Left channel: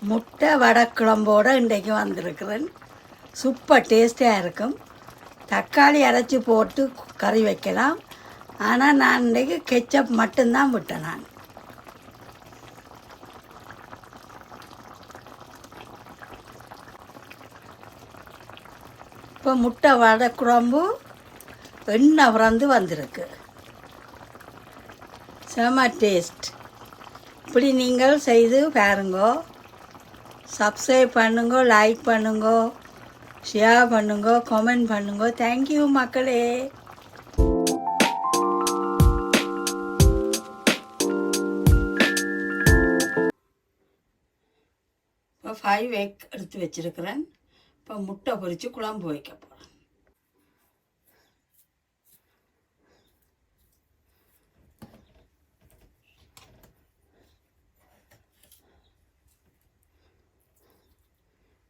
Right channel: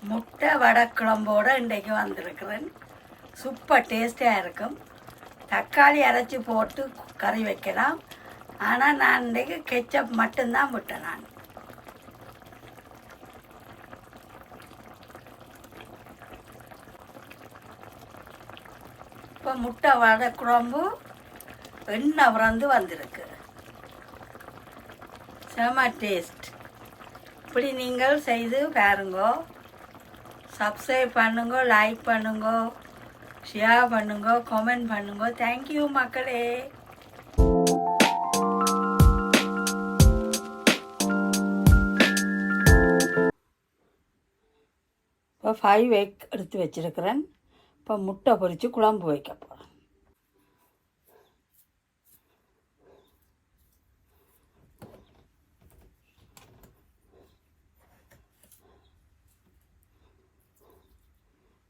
முட்டை வடக்குழம்போடு இன்றைக்கு வந்திருக்கிறேன். சூப்பர் டேஸ்ட்டாக இருக்கும். தக்காளி அரைச்சி போட்டு கறி வைக்கலாம். ஆனால் நான் இன்றைக்கு கெச்சப் மட்டும்தான் விட்டேன் நான். இப்போ முட்டை வடக்குழம்பு எண்ணெய் பிறந்து வந்திருக்கு. செம டேஸ்ட். இப்படி நீங்கள் செய்து பாருங்கோ. சப்ஸ்கிரைப் பண்ணுங்க லைக் பண்ணுங்க ஷேர் பண்ணுங்க கமெண்ட் பண்ணுங்க. தேங்க்யூ மக்களே. இப்போ ஃபைவ் எக் எடுத்து வச்சிருக்கிறேன். இப்போ முட்டை பொரித்து குழம்பு வைக்க போகிறேன்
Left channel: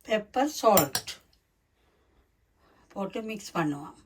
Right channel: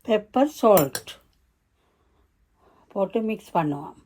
பெப்பர் சால்ட் போட்டு மிக்ஸ் பண்ணுவோம்.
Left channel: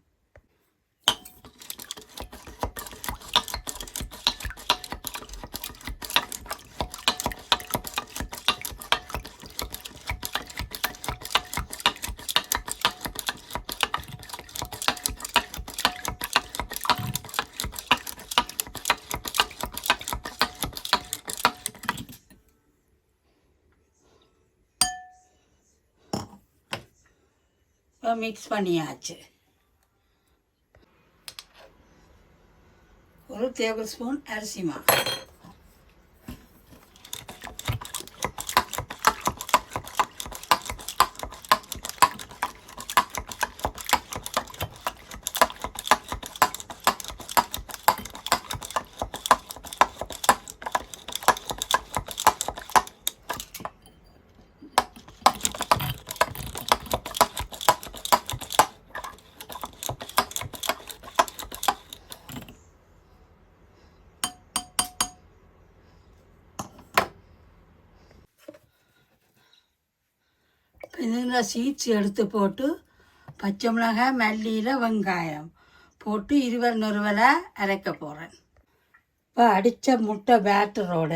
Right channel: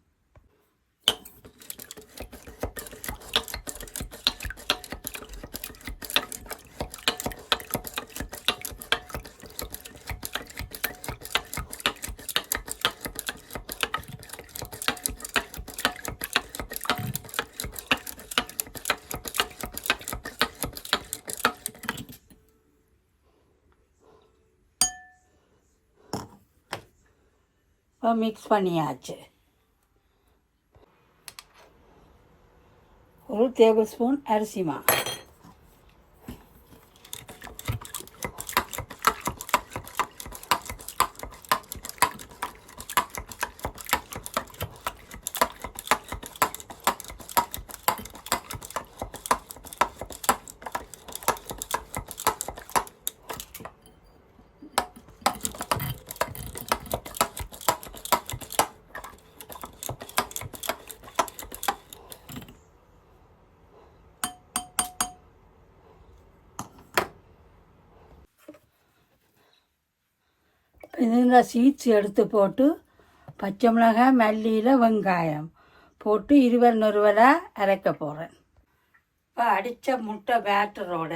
மிக்ஸ் பண்ணியாச்சு. ஒரு டேபிள் ஸ்பூன் அரிசி மாவு. இதில் சீட்ஸ் எடுத்து போட்டு பச்சை மிளகாய் மல்லியில் வெங்காயம் போட்டு இருவர் நொறுவலை அரைக்க போகிறேன் இப்போ அடித்த முட்டை பேட்டரோட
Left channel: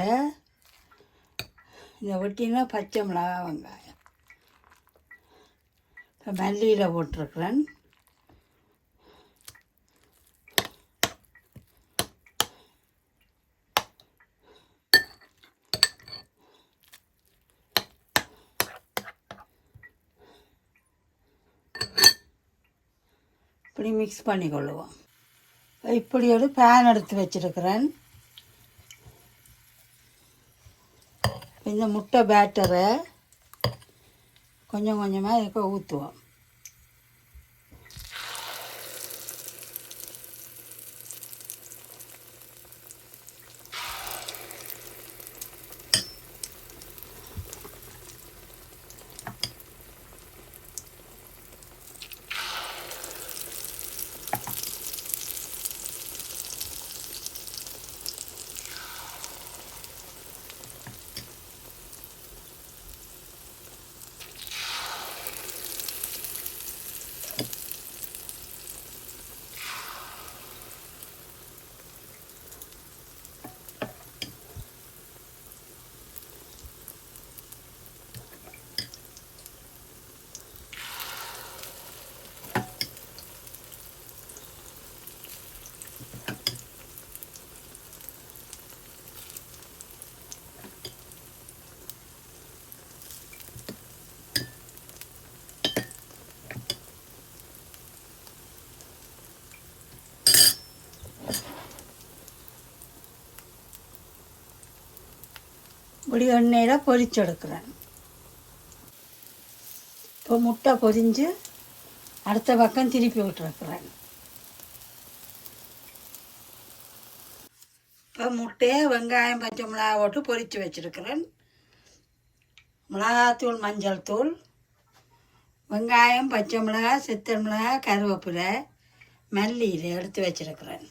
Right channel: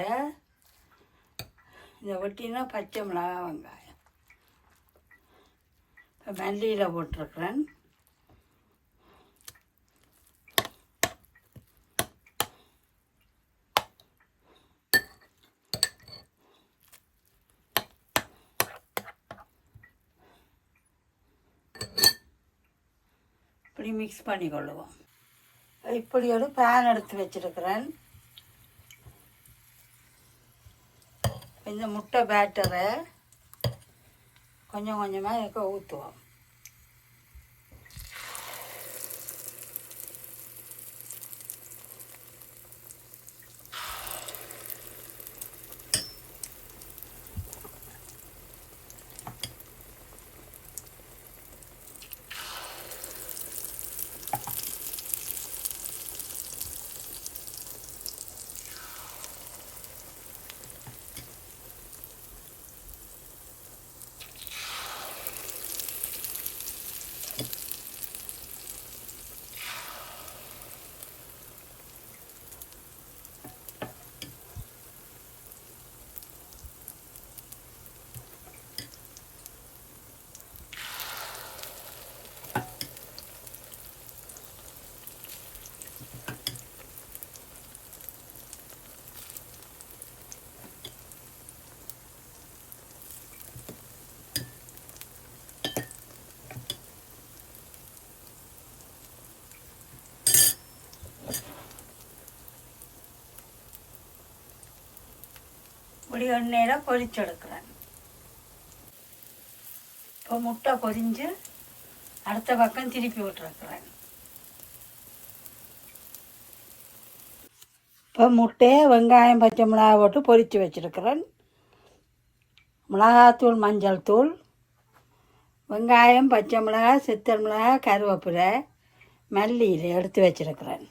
இந்த வெட்டினா பச்சை மிளகாய் வெங்காயம். இப்போ மல்லியில் போட்டிருக்கிறேன். இப்படி மிக்ஸ் பண்ணிக்கொள்ளுவோம். இப்படி ஒரு பேன் எடுத்து வச்சிருக்கிறேன். இந்த முட்டை பேட்டரை கொஞ்சம் கொஞ்சமாக இதுக்கு ஊற்றுவோம் இப்படி எண்ணெயில் பொரிச்செடுக்கிறேன் இப்போ முட்டை பொரிஞ்சு அடுத்த பக்கம் திருப்பி விட்டுருக்குறேன் இப்போ முட்டையை வெங்காயம் பச்சை மிளகாய் போட்டு பொரித்து வச்சுருக்கிறேன். மிளகாத்தூள் மஞ்சள் தூள் வெங்காயம் பச்சை மிளகாய் சித்தல் மிளகாய் கருவேப்பிலை மல்லியில் எடுத்து வச்சுருக்கிறேன்.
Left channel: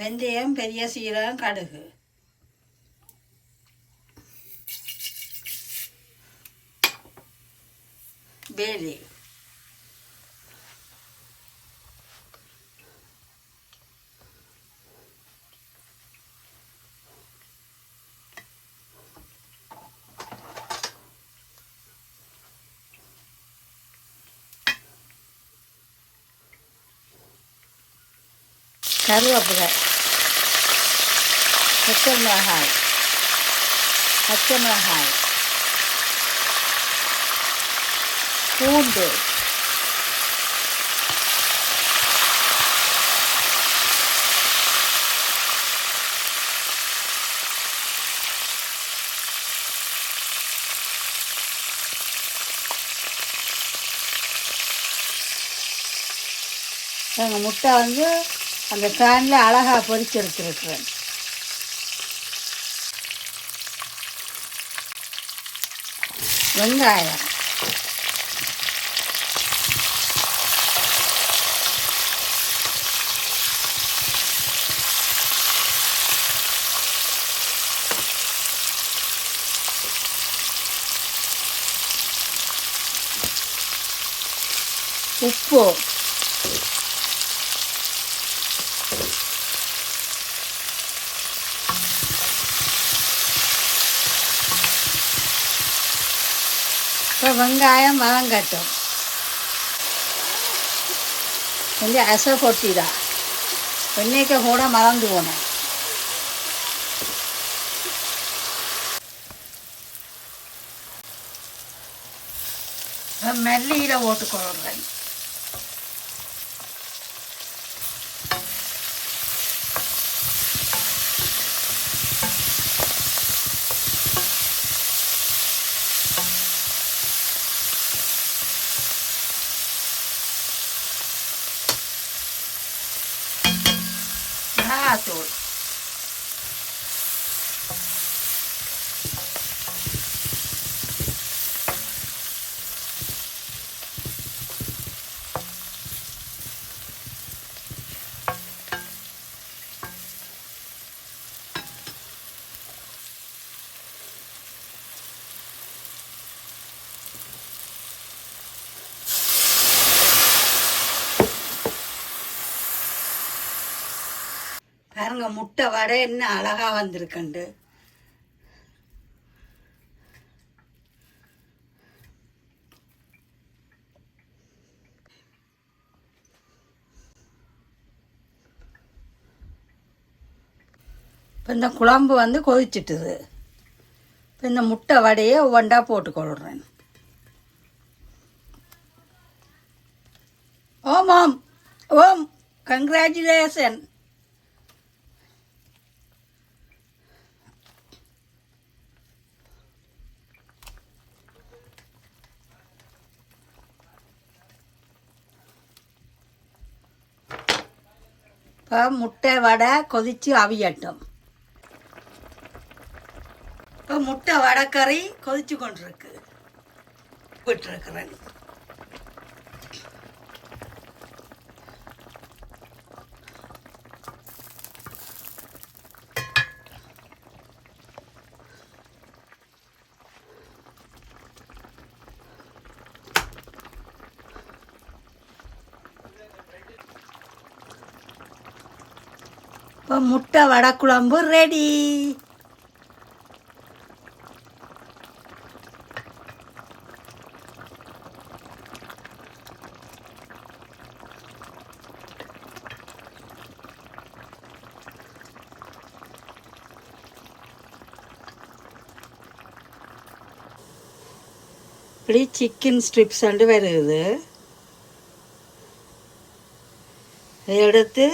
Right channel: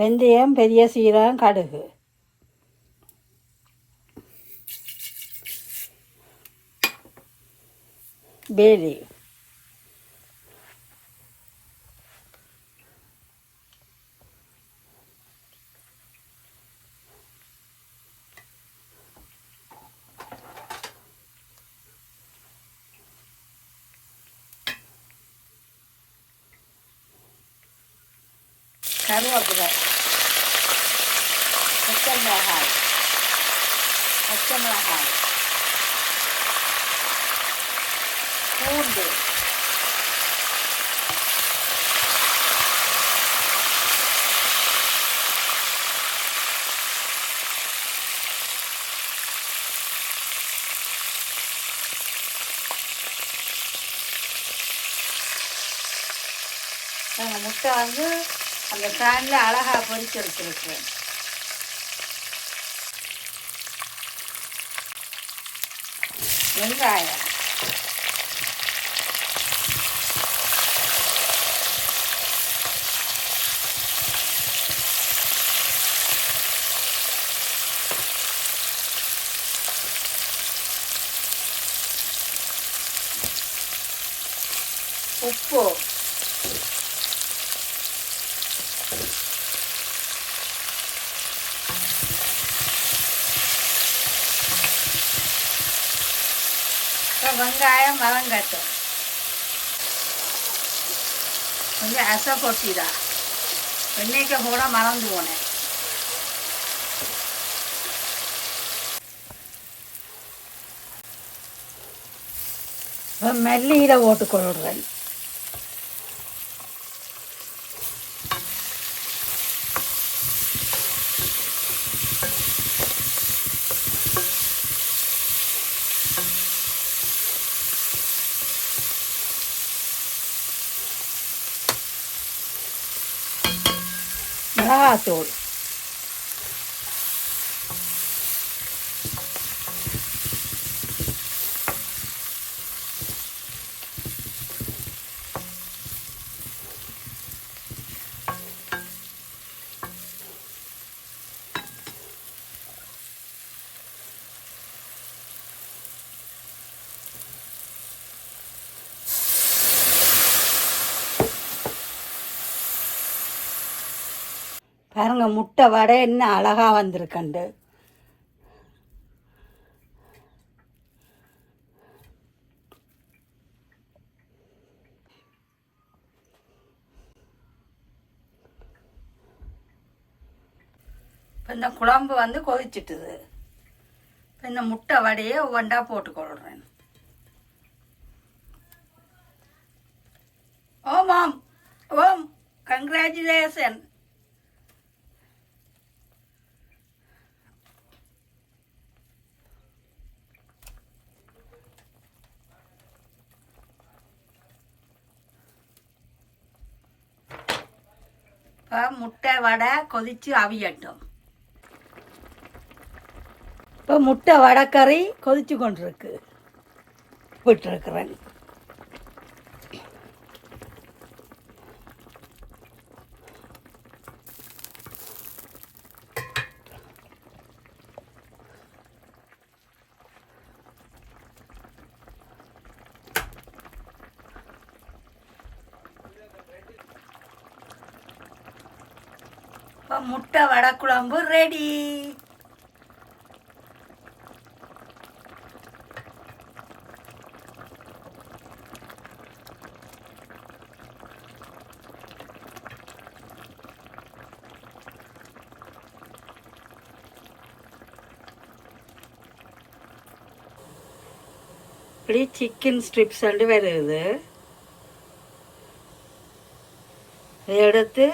வெந்தயம் பெரிய சீரகம் கடுகு. பேலி கருவேப்பிலை பச்சை மிளகாய் பூண்டு எங்கள் முட்டை வந்து அந்த ஃபேனில் அழகாக பொரிச்சு எடுத்துருக்குறேன். வெங்காயம் உப்பு இப்போ வெங்காயம் வதங்கட்டும் கொஞ்சம் அசை கொட்டிடா எண்ணெய்க்கு கூட மறந்து போனோம் இப்போ மெல்லியில் போட்டு கொள்ளுறேன் மிளகாத்தூள் பாருங்க முட்டை வடை என்ன அழகாக வந்திருக்கண்டு. இப்போ இந்த குழம்பு வந்து கொதிச்சிட்டுது. இப்போ இந்த முட்டை வடையை ஒவ்வொன்றா போட்டு கொள்றேன். ஓம் ஓம் ஓம் கங்க்ராச்சுலேஷன் இப்போ முட்டை வடை கொதித்து அவியட்டும். இப்போ முட்டை வடைக்கறி கொதிச்சு கொண்டிருக்கு. போயிட்டுருக்குறேன் இப்போ முட்டை வடை குழம்பு ரெடி இப்படி சிக்கன் ஸ்ட்ரிப்ஸ் வந்து வருது எடுத்து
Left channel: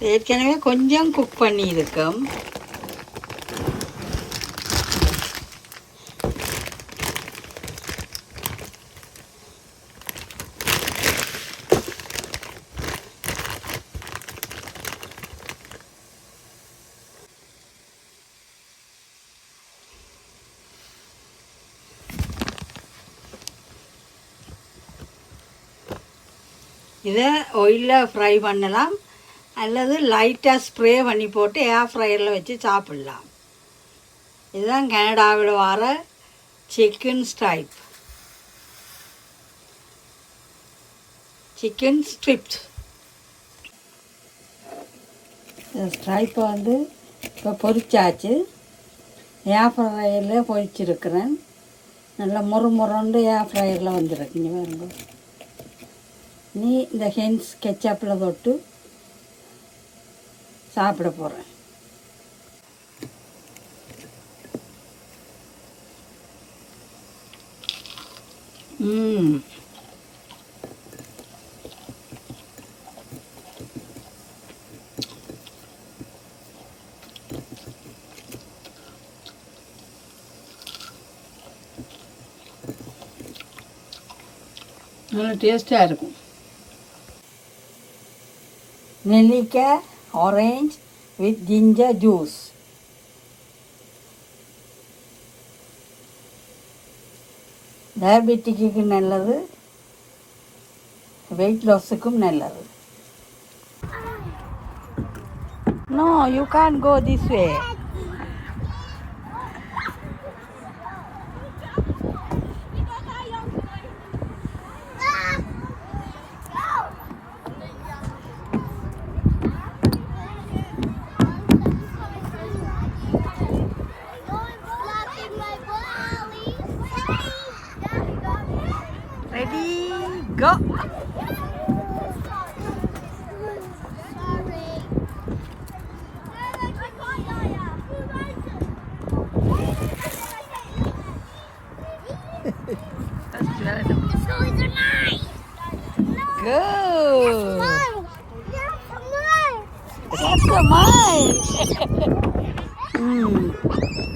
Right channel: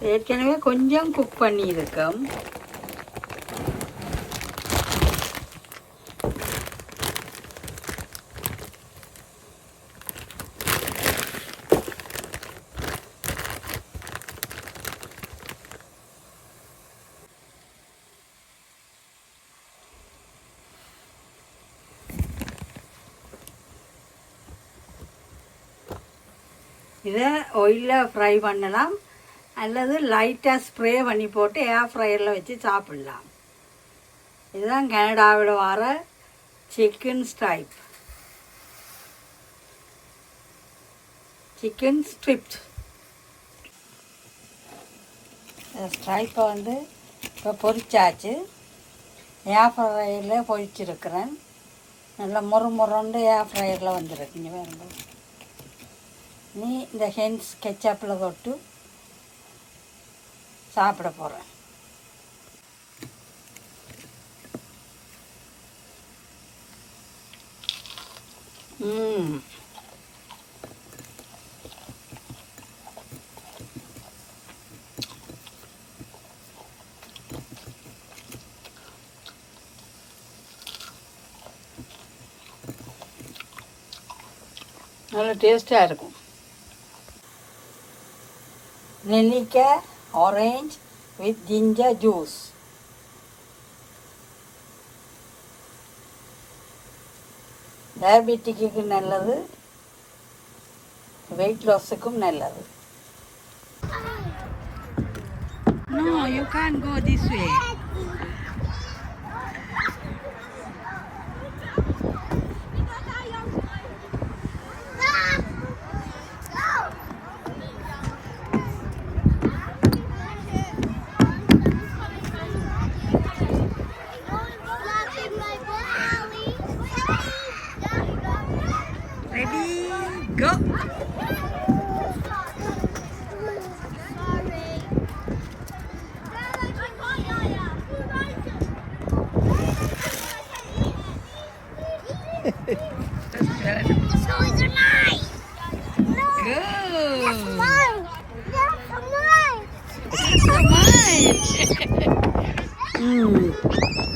ஏற்கனவே கொஞ்சம் குக் பண்ணியிருக்கோம். இதை ஒயிலில் ஃப்ரை பண்ணலாம். அல்லது லைட்டாக ஸ்ப்ரே பண்ணி போட்டு ஏர் ஃப்ரையரில் வச்சு சாப்பிட்லாம். இதுதான் கனடாவில் வர சிக்கன் ஸ்ட்ரைப் சிக்கன் ஸ்ட்ரிப்ஸ் இந்த ஸ்ட்ரைப்பை வந்து இப்போ பொரிச்சாச்சு ஏர் ஃப்ரையரில் பொரிச்சிருக்கிறேன் நல்லா முறு முறண்டு ஏர் ஃப்ரையரில் வந்துருக்கு நீ நீ இந்த ஹென்ஸ் கெச்சப்பில் போட்டு சாப்பிட போகிறேன் நல்லா நல்ல டேஸ்ட்டாக இருக்கும். நெல்லிக்காய் ஆரஞ்ச் வித் ஜிஞ்சர் ஜூஸ் டயபெட்டிக்கு நல்லது வெயிட் லாஸுக்கும் நல்லது no you can go this way Good. nice. Toys are nice. Good. That's so much. That's so mm.